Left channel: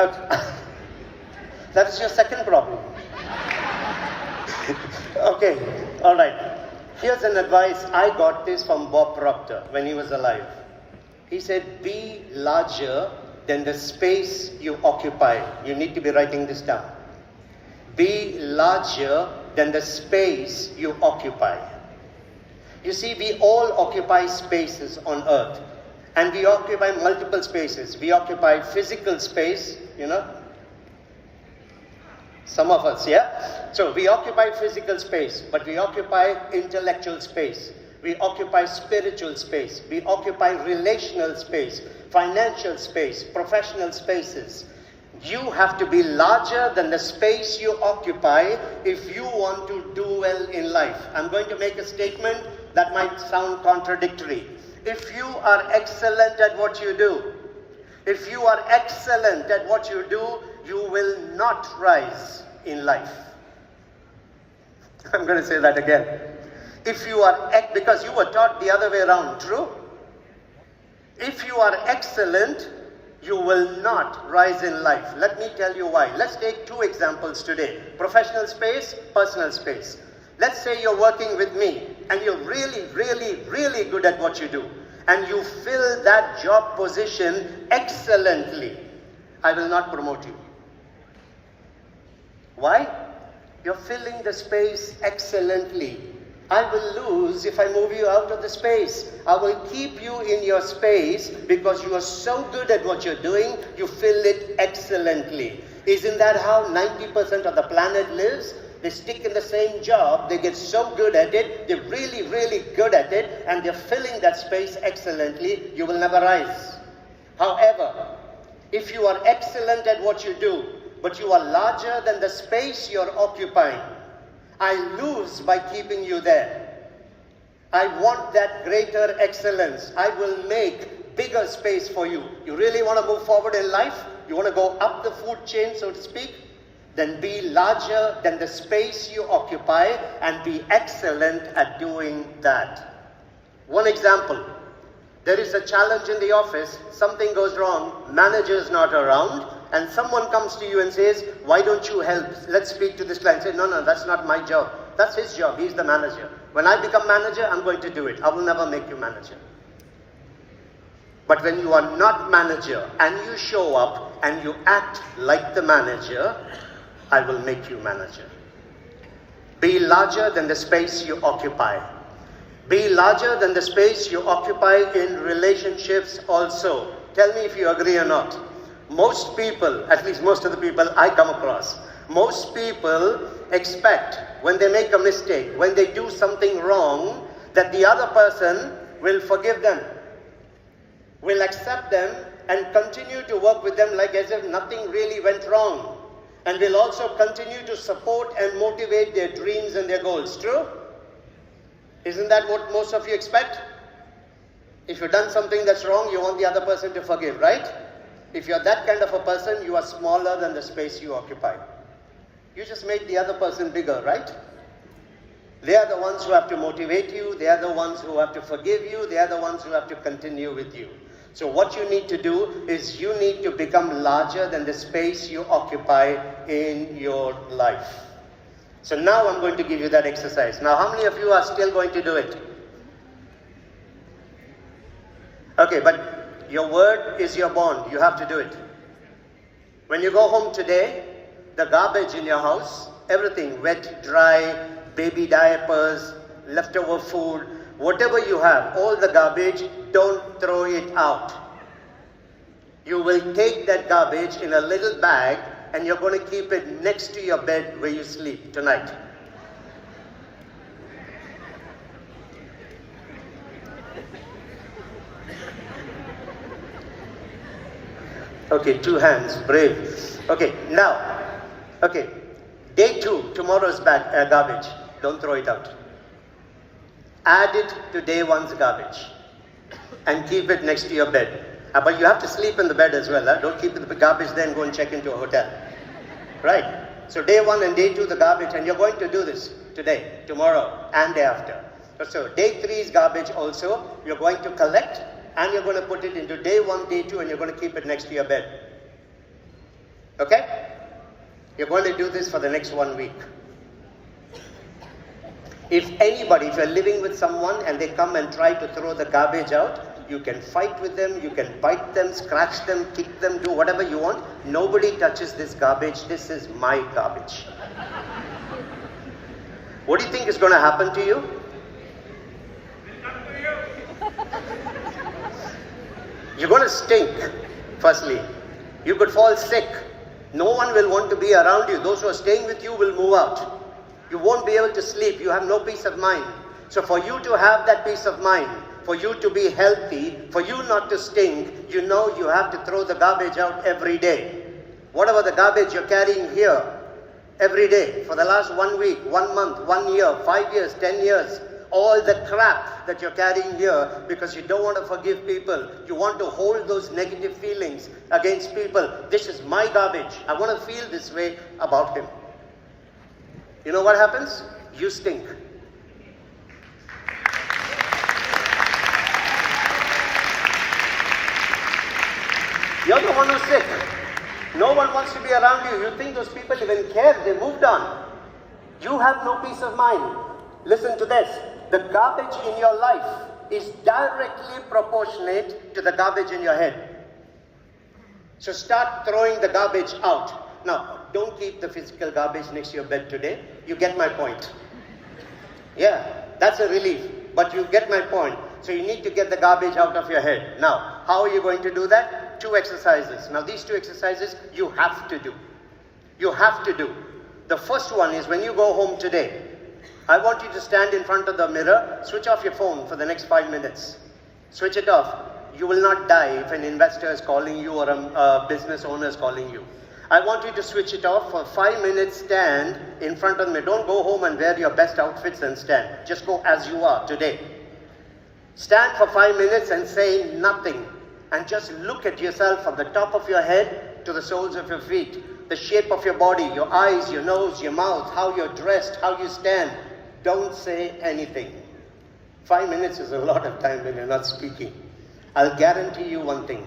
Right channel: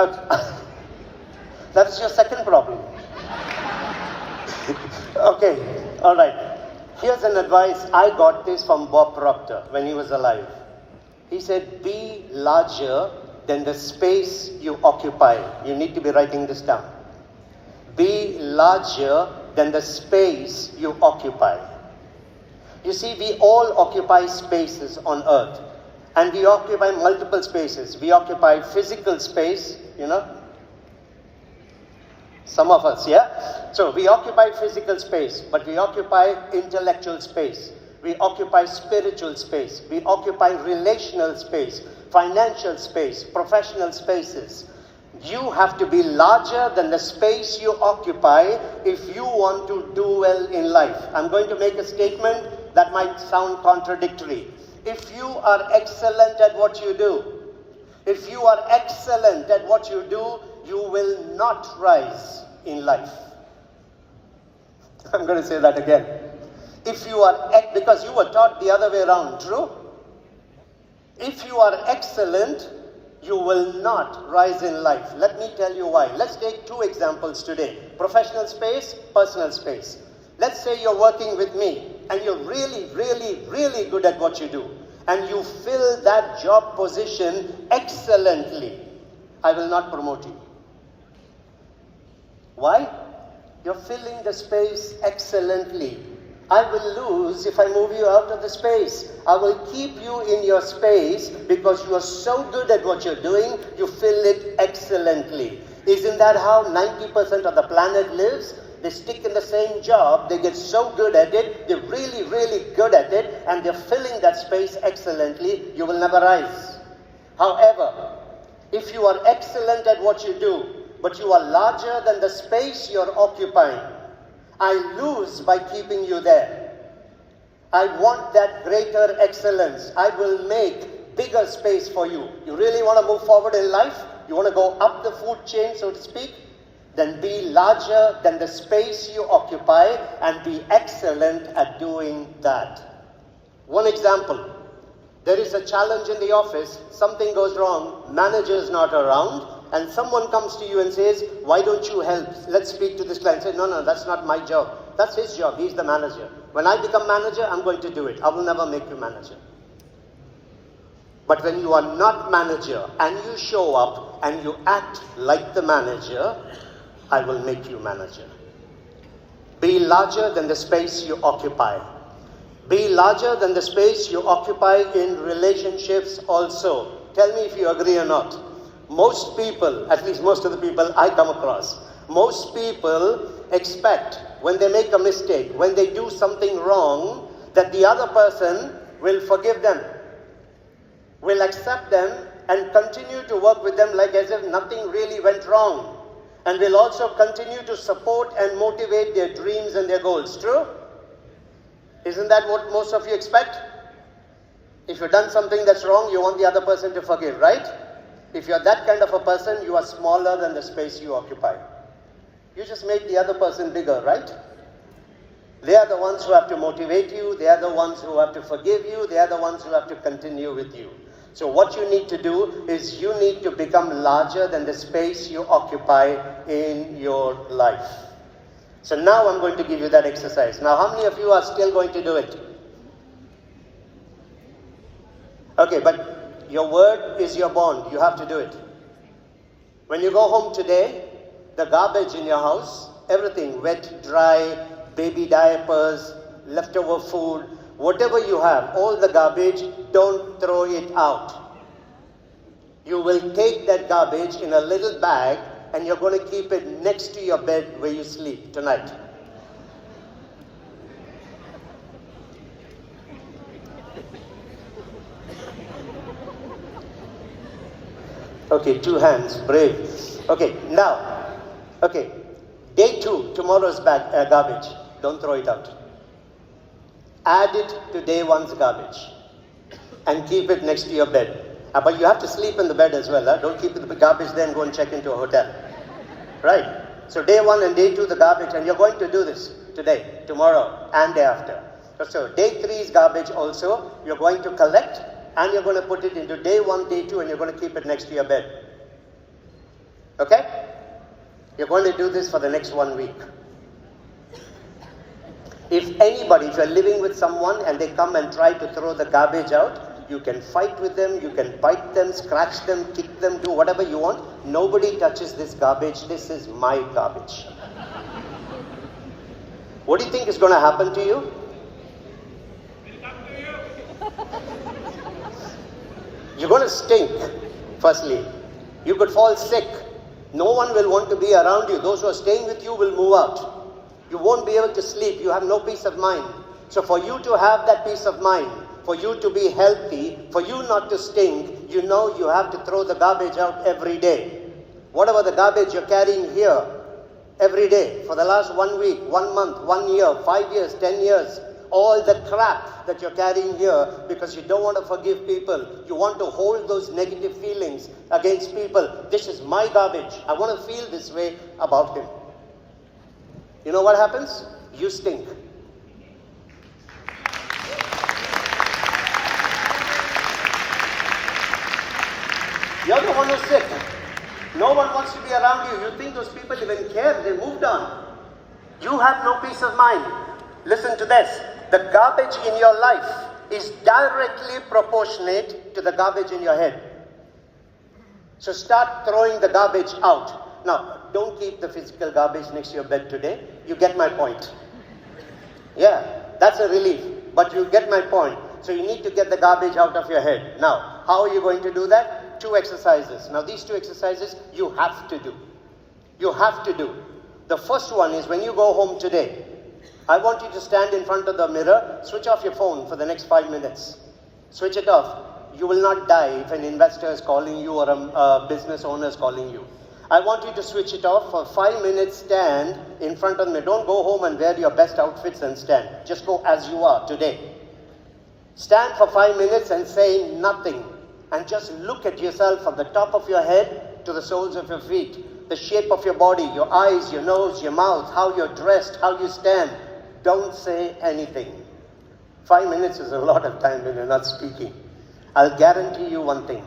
Okay. That is your second problem. Okay, all right. Here's an advice. I got this from Bob Proctor when he was alive. He said, be larger than the space you occupy. You need to be writing this down. Be larger than the space you occupy. You see, we all occupy spaces on earth. And we occupy multiple spaces. We occupy physical space, you know. Some of us, yeah? So we occupy physical space, but we occupy intellectual space. We occupy spiritual space. We occupy relational space, financial space, professional spaces. You have to be larger than the space you occupy if you want to do well in life. I'm going to make a statement that might sound contradictory. If you are excellent at what you do, if you are excellent at what you do, you will not rise in life. I'm going to say that again. If you are, because you were taught the other way around, true? If you are excellent, you will not rise in life. Let me tell you why. Let's take two examples today. Professional space, personal space. Let's say you're working with me and you're really, really, really good at what you do. And you fill that job position excellently. I will not promote you. Why? You're filling the space excellently. I will lose if I move you out of the space. I will keep you in your space because you are so good at what you're doing, you fill it excellently. Isn't that how 90% of the planet lives? They stick in the same job, they get so good at it, they're really, really good at it, and they're filling that space excellently. You will never rise. However, if you are excellent at what you do, but you are larger than the space you're occupying, I lose by keeping you there. I want that greater excellence. I will make bigger space for you. You really want to move forward in life? You want to go up the food chain, so to speak? Then be larger than the space you occupy and be excellent at doing that. One example. There is a challenge in the office, something goes wrong, manager's not around, and someone comes to you and says, why don't you help? Let's speak to this client. Say, no, that's not my job. That's his job. He's the manager. When I become manager, I'm going to do it. I will never make you manager. But when you are not manager and you show up and you act like the manager, I will make you manager. Be larger than the space you occupy. Be larger than the space you occupy in relationships also. Tell me if you agree or not. Most people, at least most of the people I come across, most people expect when they make a mistake, when they do something wrong, that the other person will forgive them, will accept them and continue to work with them like as if nothing really went wrong, and will also continue to support and motivate their dreams and their goals. True? Isn't that what most of you expect? If you've done something that's wrong, you want the other person to forgive, right? If you're that kind of a person, you are smaller than the space you occupy. You just made the other person bigger, right? They are the ones who have to motivate you. They are the ones who have to forgive you. They are the ones who have to continue with you. So what you need to do is you need to become larger than the space you occupy in your life. So now I'm going to give you that exercise. Now, how many of you are still going to do it? Okay, but your word is your bond. You have to do it. When you go home today, the garbage in your house, everything, wet, dry, baby diapers, leftover food, whatever you have, all the garbage, don't throw it out. You will take that garbage in a little bag and you're going to keep it next to your bed where you sleep tonight. Okay, 2 hands, brave. Okay, now, okay, day 2, tomorrow's garbage. Don't throw it out. Add it to day 1's garbage and keep it next to your bed. But you have to sleep in the bed as well. Don't keep the garbage there and go and check into a hotel. Right? So day 1 and day 2, the garbage, and you're going to do this today, tomorrow, and day after. So day 3's garbage also, you're going to collect, and you're going to put it into day 1, day 2, and you're going to keep it next to your bed. Okay? You're going to do this for the next 1 week. If you're living with someone and they come and try to throw the garbage out, you can fight with them, you can bite them, scratch them, kick them, do whatever you want. Nobody touches this garbage. This is my garbage. What do you think is going to happen to you? You're going to stink, firstly. You could fall sick. No one will want to be around you. Those who are staying with you will move out. You won't be able to sleep. You have no peace of mind. So for you to have that peace of mind, for you to be healthy, for you not to stink, you know you have to throw the garbage out every day. Whatever the garbage you're carrying here, every day, for the last 1 week, 1 month, 1 year, 5 years, 10 years, all the crap that you're carrying here because you don't want to forgive people. You want to hold those negative feelings against people. This is my garbage. I want to feel this way about him. You know what happens? You stink. You're the one who's sick. No one wants to be around you. You think those people even care? They moved on. You have no peace of mind. Listen to this. The garbage in your life is directly proportionate to the garbage in your head. So start throwing the garbage out. Now, don't keep the physical garbage next to your bed today. You get my point. Yeah, that's a relief. But you get my point. So you need to get the garbage out of your head. Now, how are you going to do that? 2 exercises. Now, these 2 exercises you have to do. You have to do. The first one is when you go home today, I want you to stand in front of the mirror, switch off your phone for the next 5 minutes. Switch it off. You will not die if an investor is calling you or a business owner is calling you. I want you to switch it off for 5 minutes, stand in front of the mirror. Don't go home and wear your best outfits and stand. Just go as you are today. Stand for 5 minutes and say nothing. And just look at yourself from the top of your head to the soles of your feet. The shape of your body, your eyes, your nose, your mouth, how you're dressed, how you stand. Don't say anything. 5 minutes is a lot of time when you're not speaking. I'll guarantee you one thing.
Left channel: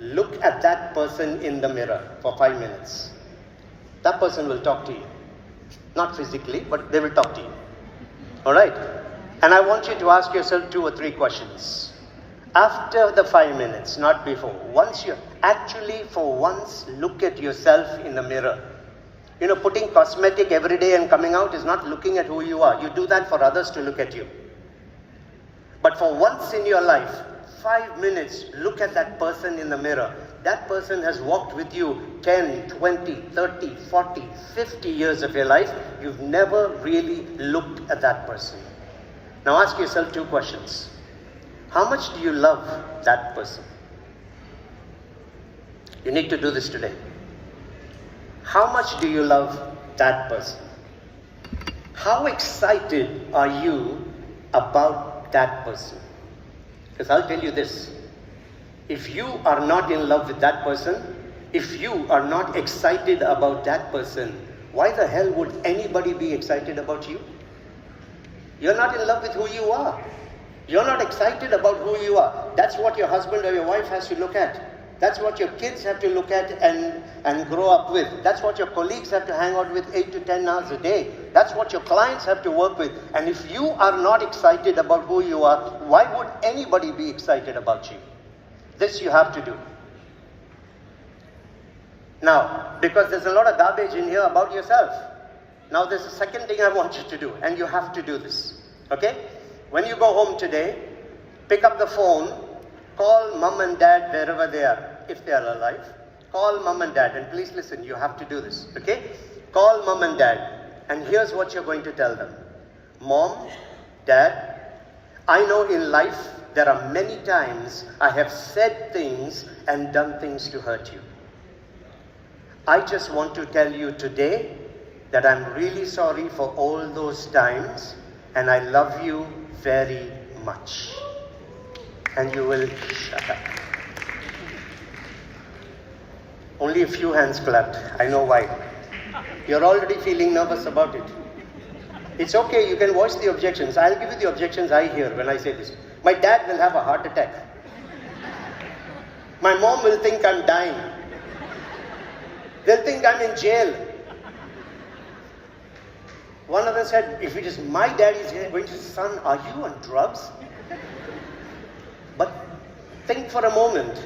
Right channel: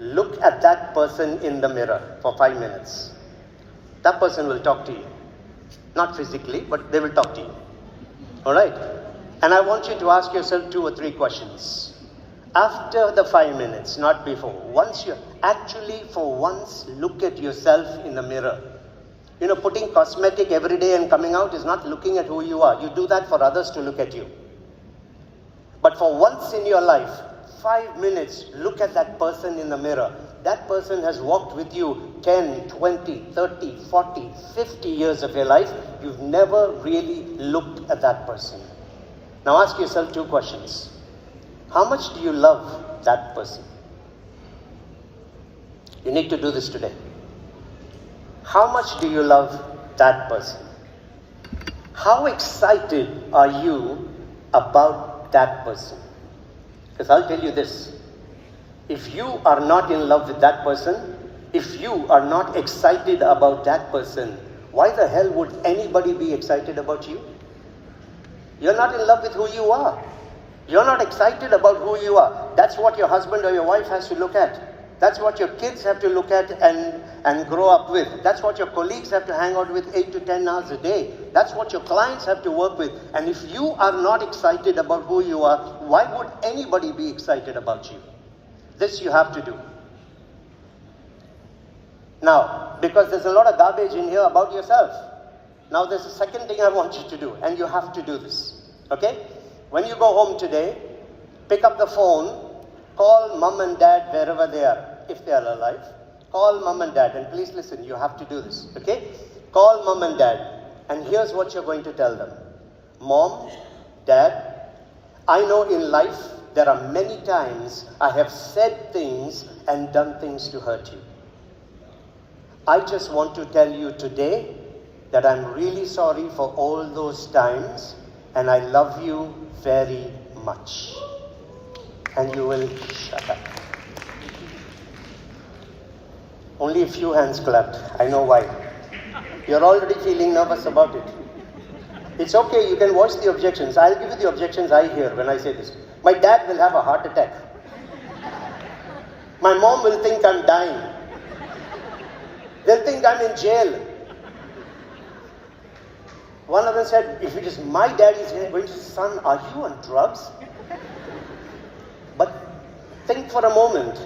Look at that person in the mirror for 5 minutes. That person will talk to you. Not physically, but they will talk to you. Alright? And I want you to ask yourself 2 or 3 questions. After the 5 minutes, not before. Once you actually for once look at yourself in the mirror. You know, putting cosmetic every day and coming out is not looking at who you are. You do that for others to look at you. But for once in your life, 5 minutes, look at that person in the mirror. That person has walked with you 10, 20, 30, 40, 50 years of your life. You've never really looked at that person. Now ask yourself 2 questions. How much do you love that person? You need to do this today. How much do you love that person? How excited are you about that person? Because I'll tell you this. If you are not in love with that person, if you are not excited about that person, why the hell would anybody be excited about you? You're not in love with who you are. You're not excited about who you are. That's what your husband or your wife has to look at. That's what your kids have to look at and grow up with. That's what your colleagues have to hang out with 8 to 10 hours a day. That's what your clients have to work with. And if you are not excited about who you are, why would anybody be excited about you? This you have to do. Now, because there's a lot of garbage in here about yourself. Now there's a second thing I want you to do, and you have to do this. Okay? When you go home today, pick up the phone, call mom and dad wherever they are, if they are alive. Call mom and dad, and please listen, you have to do this, okay? Call mom and dad, and here's what you're going to tell them. Mom, Dad, I know in life there are many times I have said things and done things to hurt you. I just want to tell you today that I'm really sorry for all those times, and I love you very much. And you will shut up. Only a few hands clapped. I know why. You're already feeling nervous about it. It's okay, you can voice the objections. I'll give you the objections I hear when I say this. My dad will have a heart attack. My mom will think I'm dying. They'll think I'm in jail. One of them said, if it is my daddy's going to say, son, are you on drugs? But think for a moment.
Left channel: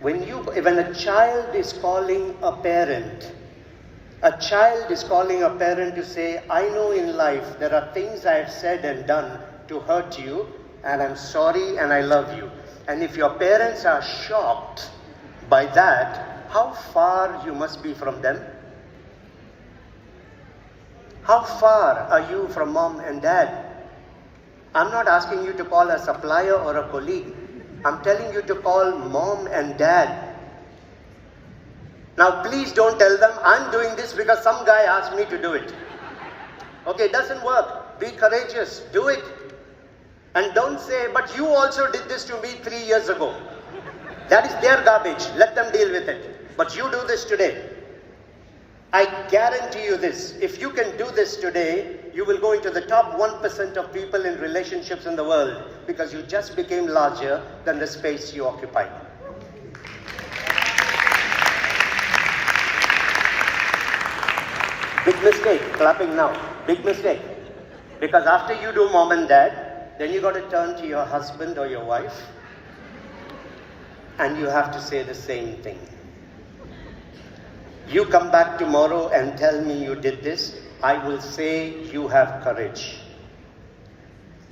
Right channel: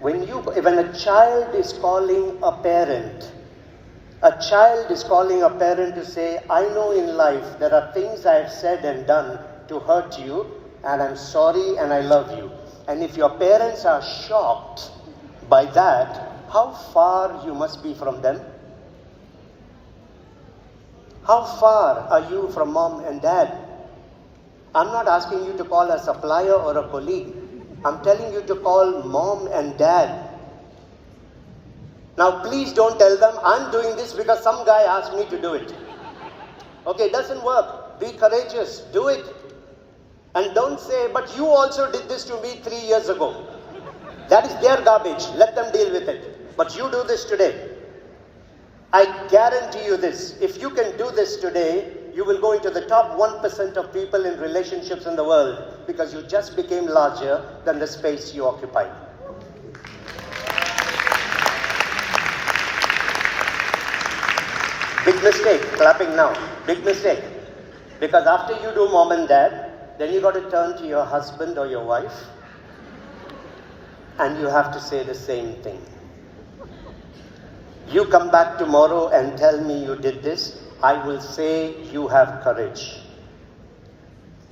When a child is calling a parent, to say, I know in life there are things I have said and done to hurt you, and I'm sorry and I love you. And if your parents are shocked by that, how far you must be from them? How far are you from mom and dad? I'm not asking you to call a supplier or a colleague. I'm telling you to call mom and dad. Now please don't tell them, I'm doing this because some guy asked me to do it. Okay, it doesn't work. Be courageous. Do it. And don't say, but you also did this to me 3 years ago. That is their garbage. Let them deal with it. But you do this today. I guarantee you this. If you can do this today, you will go into the top 1% of people in relationships in the world because you just became larger than the space you occupy. Big mistake, clapping now. Big mistake. Because after you do mom and dad, then you got to turn to your husband or your wife and you have to say the same thing. You come back tomorrow and tell me you did this, I will say you have courage.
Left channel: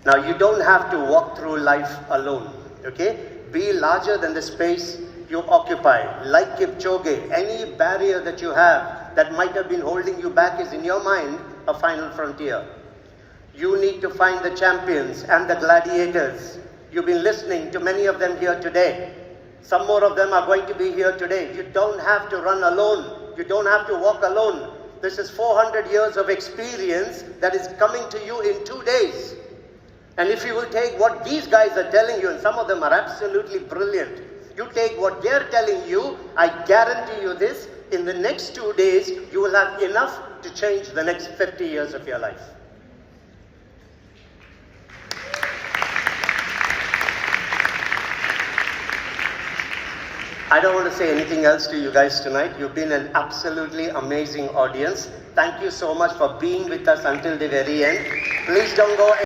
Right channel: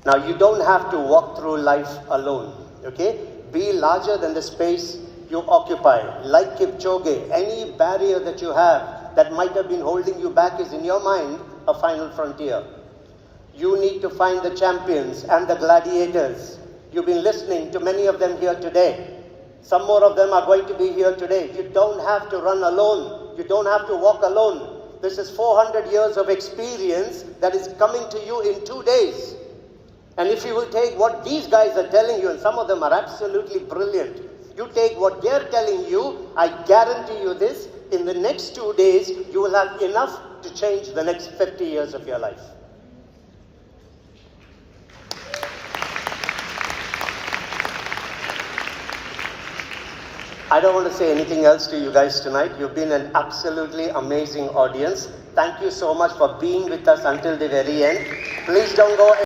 Now you don't have to walk through life alone, okay? Be larger than the space you occupy. Like Kipchoge, any barrier that you have that might have been holding you back is in your mind a final frontier. You need to find the champions and the gladiators. You've been listening to many of them here today. Some more of them are going to be here today. You don't have to run alone. You don't have to walk alone. This is 400 years of experience that is coming to you in 2 days. And if you will take what these guys are telling you, and some of them are absolutely brilliant, you take what they're telling you, I guarantee you this, in the next 2 days, you will have enough to change the next 50 years of your life. I don't want to say anything else to you guys tonight. You've been an absolutely amazing audience. Thank you so much for being with us until the very end. Please don't go